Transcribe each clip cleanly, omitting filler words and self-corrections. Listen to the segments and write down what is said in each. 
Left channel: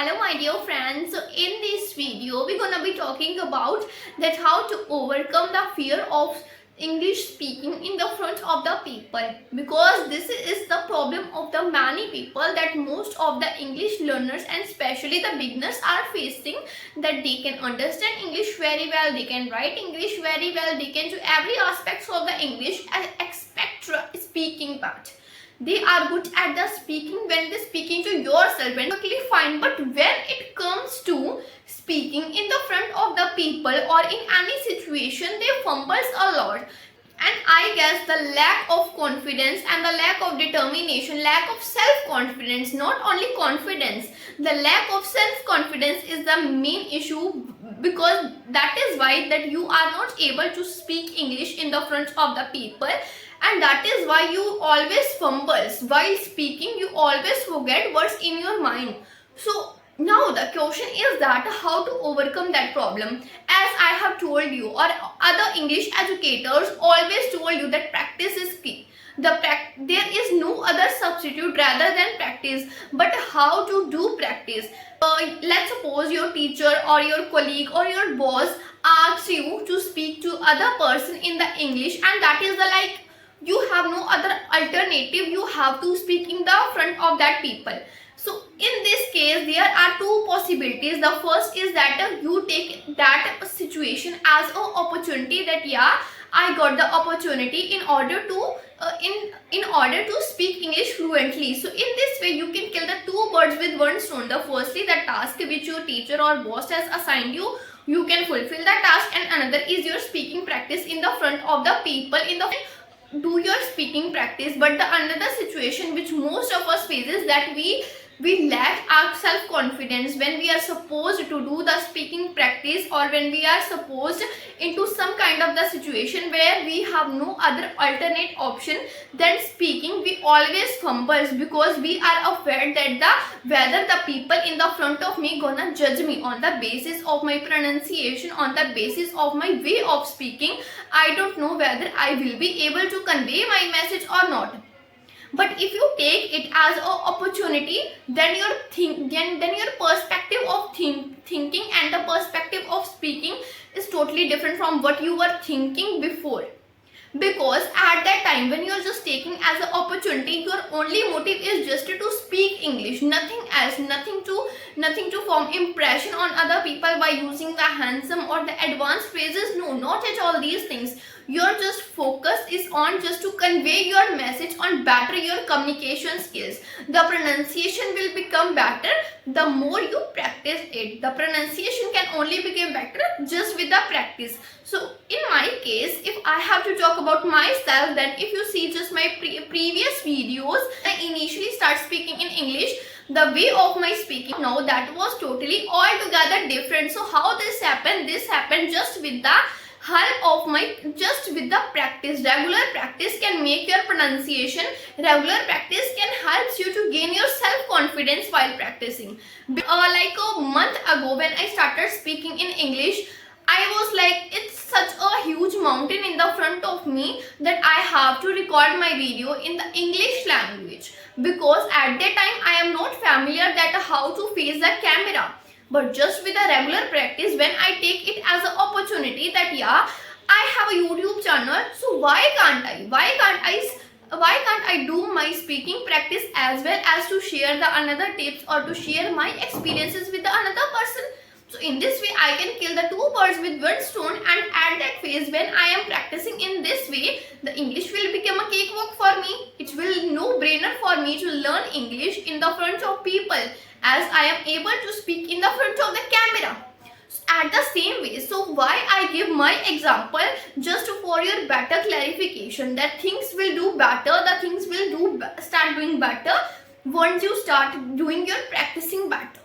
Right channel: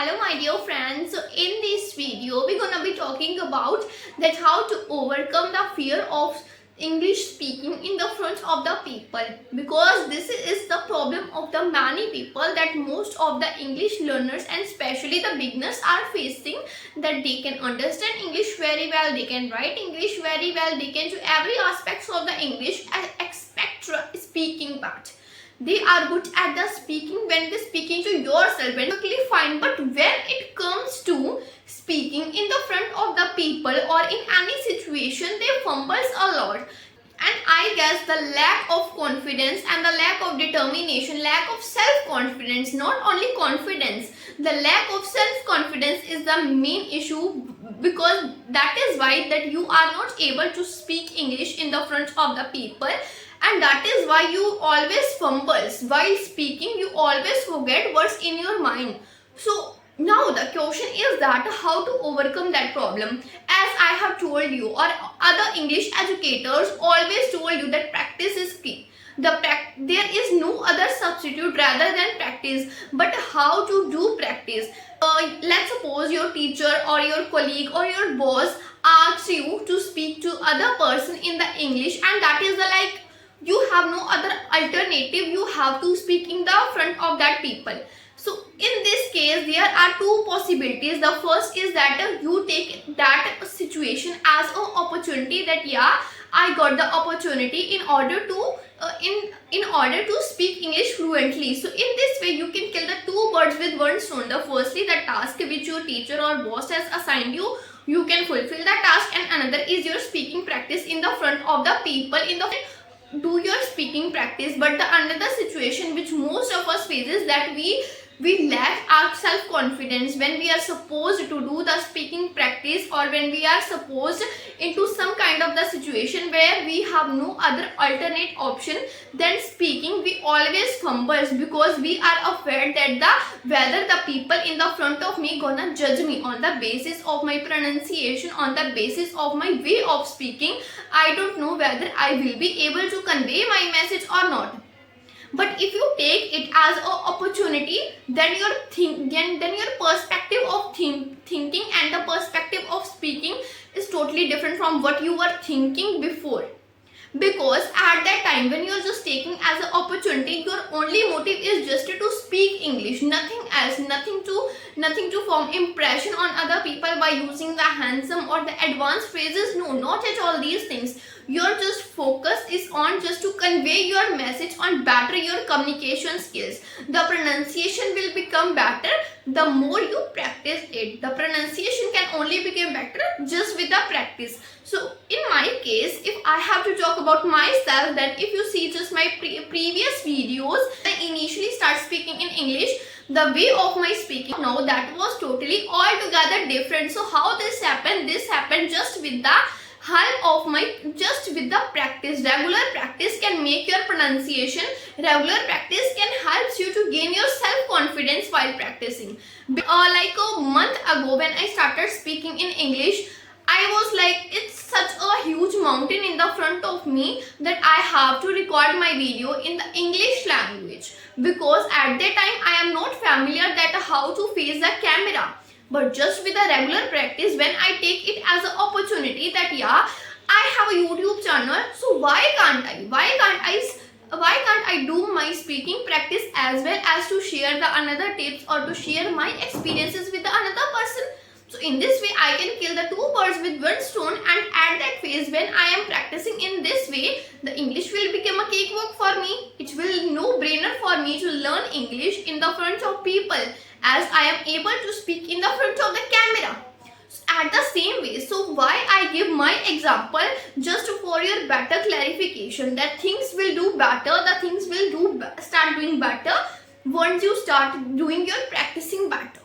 Hello my dear friends. So in this video we're gonna be talking about that how to overcome the fear of English speaking in the front of the people, because this is the problem of the many people, that most of the English learners and especially the beginners are facing, that they can understand English very well, they can write English very well, they can do every aspects of the English except speaking part. They are good at the speaking when they're speaking to yourself, and totally fine, but when it comes to speaking in the front of the people or in any situation, they fumbles a lot. And I guess the lack of confidence and the lack of determination, lack of self-confidence, not only confidence, the lack of self-confidence is the main issue, because that is why that you are not able to speak English in the front of the people, and that is why you always fumbles while speaking. You always forget what's in your mind. So now the question is that how to overcome that problem. As I have told you, or other English educators always told you, that practice is key. There is no other substitute rather than practice. But how to do practice? Let's suppose your teacher or your colleague or your boss asks you to speak to other person in the English, and that is the you have no other alternative. You have to speak in the front of that people. So in this case there are two possibilities. The first is that you take that situation as an opportunity, that I got the opportunity in order to in order to speak English fluently. So in this way you can kill the two birds with one stone. The firstly, the task which your teacher or boss has assigned you, you can fulfill that task, and another is your speaking practice in the front of the people. In the do your speaking practice. But the another situation which most of us faces, that we lack our self-confidence when we are supposed to do the speaking practice, or when we are supposed into some kind of the situation where we have no other alternate option than speaking. We always fumbles because we are afraid that whether the people in the front of me gonna judge me on the basis of my pronunciation, on the basis of my way of speaking. I don't know whether I will be able to convey my message or not. But if you take it as an opportunity, then your perspective of thinking and the perspective of speaking is totally different from what you were thinking before. Because at that time when you are just taking as an opportunity, your only motive is just to speak English, nothing else, nothing to form impression on other people by using the handsome or the advanced phrases. No, not at all these things. Your just focus is on just to convey your message, on better your communication skills. The pronunciation will become better the more you practice it. The pronunciation can only become better just with the practice. So in my case, if I have to talk about myself, then if you see just my previous videos, I initially start speaking in English. The way of my speaking now, that was totally altogether different. So how this happened? This happened just with the help of the practice. Regular practice can make your pronunciation. Regular practice can help you to gain your self-confidence while practicing. Like a month ago when I started speaking in English, I was like, it's such a huge mountain in the front of me that I have to record my video in the English language, because at that time I am not familiar that how to face the camera. But just with a regular practice, when I take it as an opportunity that I have a YouTube channel, so why can't I do my speaking practice as well as to share the another tips or to share my experiences with the another person. So in this way I can kill the two birds with one stone, and at that phase when I am practicing in this way, the English will become a cakewalk for me. It will no-brainer for me to learn English in the front of people, as I am able to speak in the front of the camera. At the same way, so why I give my example, just for your better clarification, that things will do better, the things will start doing better once you start doing your practicing better.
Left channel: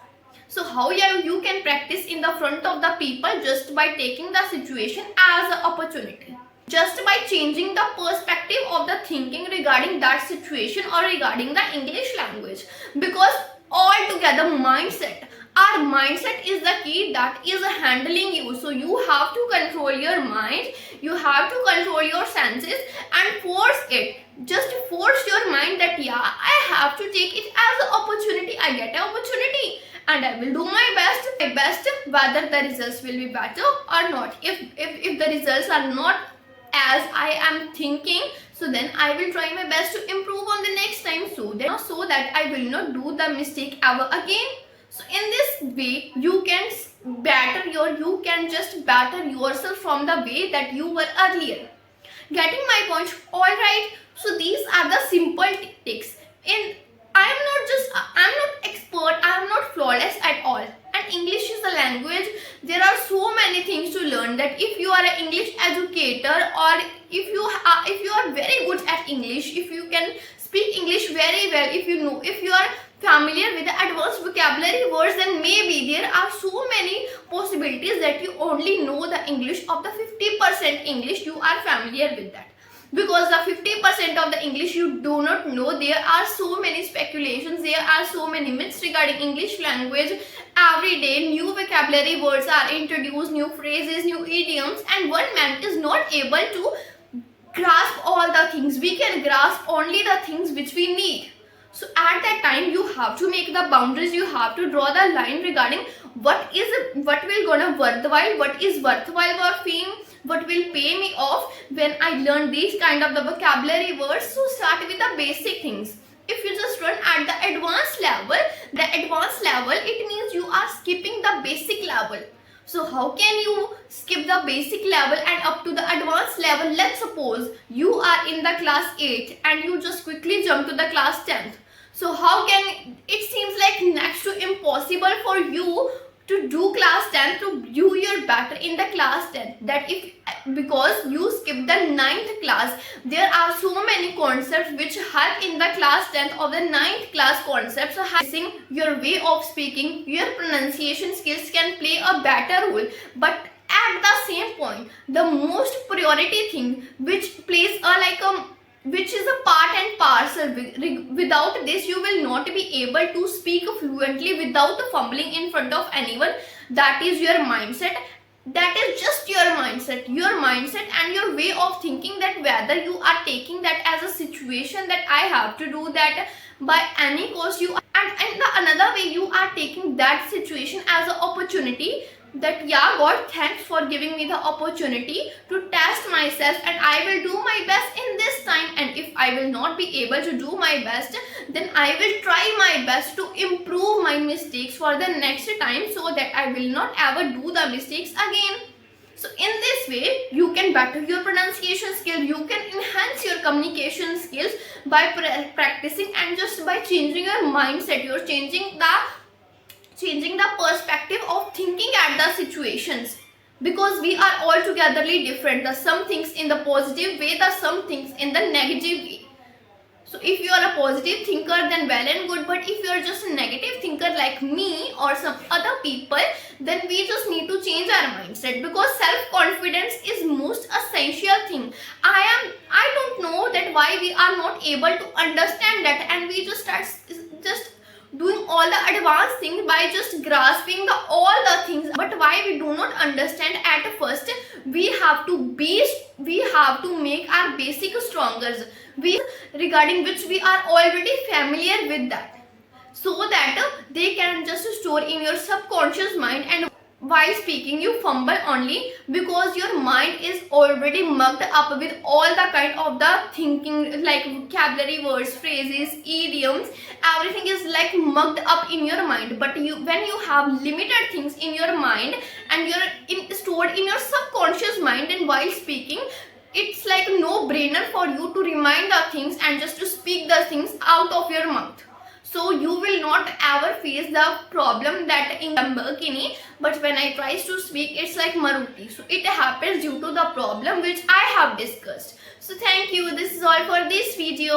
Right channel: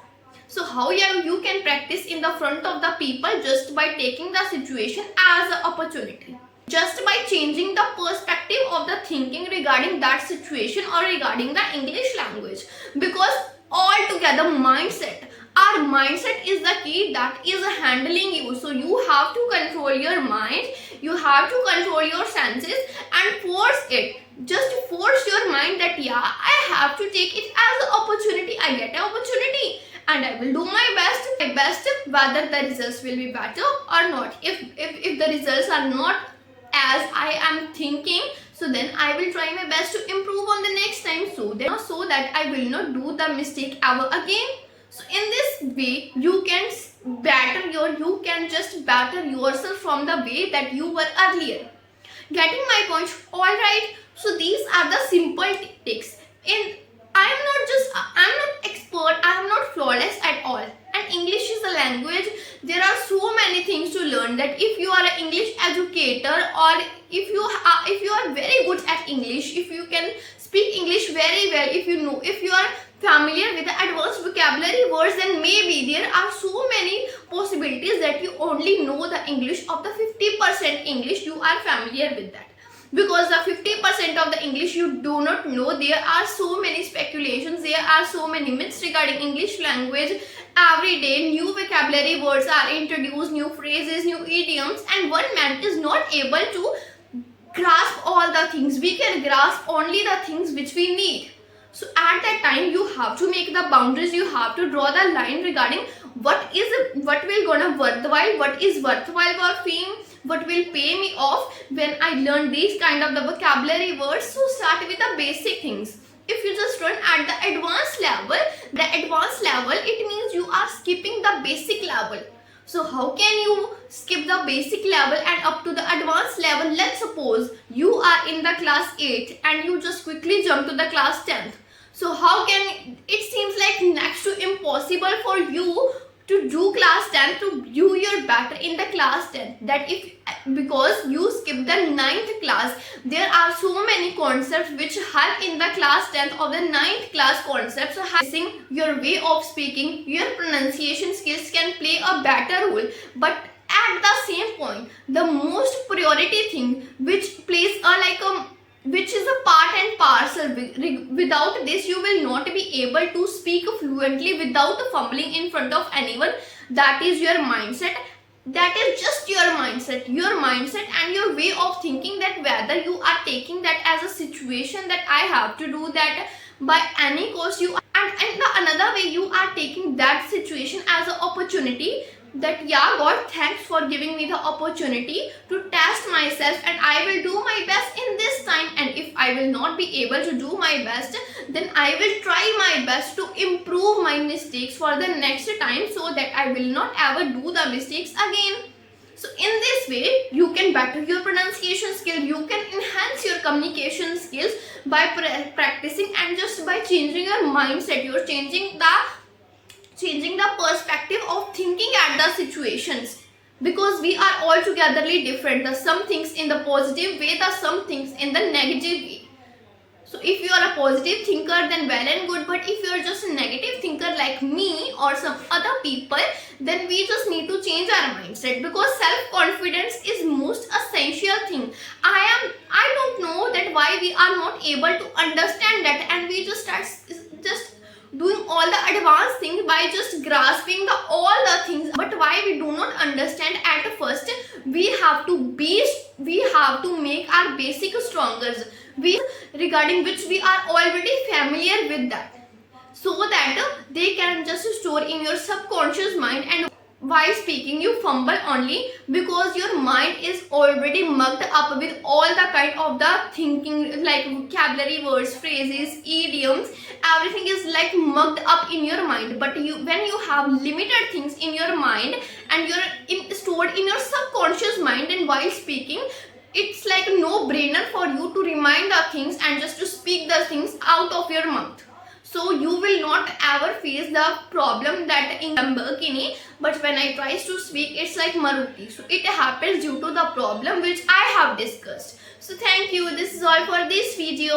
So how you can practice in the front of the people? Just by taking the situation as an opportunity. Just by changing the perspective of the thinking regarding that situation or regarding the English language. Because altogether mindset, our mindset is the key that is handling you. So you have to control your mind, you have to control your senses and force it. Just force your mind that I have to take it as an opportunity. I get an opportunity and I will do my best whether the results will be better or not. If the results are not as I am thinking, so then I will try my best to improve on the next time, so that I will not do the mistake ever again. So in this way you can just better yourself from the way that you were earlier. Getting my point? Alright. So these are the simple tips. I'm not expert, I am not flawless at all. And English is a language. There are so many things to learn, that if you are an English educator, or if you are very good at English, if you can speak English very well, if you are familiar with the advanced vocabulary words, then maybe there are so many possibilities that you only know the English of the 50% English, you are familiar with that. Because the 50% of the English you do not know, there are so many speculations, there are so many myths regarding English language. Every day new vocabulary words are introduced, new phrases, new idioms, and one man is not able to grasp all the things. We can grasp only the things which we need. So at that time you have to make the boundaries, you have to draw the line regarding what will gonna worthwhile, what is worthwhile for fame, what will pay me off when I learn these kind of the vocabulary words. So start with the basic things. If you just run at the advanced level, it means you are skipping the basic level. So how can you skip the basic level and up to the advanced level? Let's suppose you are in the class 8 and you just quickly jump to the class 10th. So how can, it seems like next to impossible for you to do class 10, to do your better in the class 10, that if because you skip the 9th class, there are so many concepts which help in the class 10th or the 9th class concepts. So your way of speaking, your pronunciation skills can play a better role. But at the same point, the most priority thing which plays which is a part and parcel. Without this you will not be able to speak fluently without fumbling in front of anyone. That is your mindset. That is just your mindset and your way of thinking, that whether you are taking that as a situation that I have to do that by any cost, and the another way you are taking that situation as an opportunity, that yeah, God, thanks for giving me the opportunity to test myself, and I will do my best in this time. And if I will not be able to do my best, then I will try my best to improve my mistakes for the next time, so that I will not ever do the mistakes again. So in this way you can better your pronunciation skill, you can enhance your communication skills by practicing, and just by changing your mindset, you're changing the perspective of thinking at the situations. Because we are altogetherly different, the some things in the positive way, the some things in the negative way. So if you are a positive thinker, then well and good, but if you are just a negative thinker like me or some other people, then we just need to change our mindset, because self-confidence is most essential thing. I don't know that why we are not able to understand that, and we just start doing all the advanced things by just grasping all the things. But why we do not understand at first, we have to make our basic stronger, regarding which we are already familiar with that, so that they can just store in your subconscious mind. And while speaking you fumble only because your mind is already mugged up with all the kind of the thinking, like vocabulary words, phrases, idioms, everything is like mugged up in your mind. But when you have limited things in your mind and you're stored in your subconscious mind, and while speaking it's like no-brainer for you to remind the things and just to speak the things out of your mouth. So you will not ever face the problem that in Lamborghini, but when I try to speak, it's like Maruti. So it happens due to the problem which I have discussed. So thank you. This is all for this video.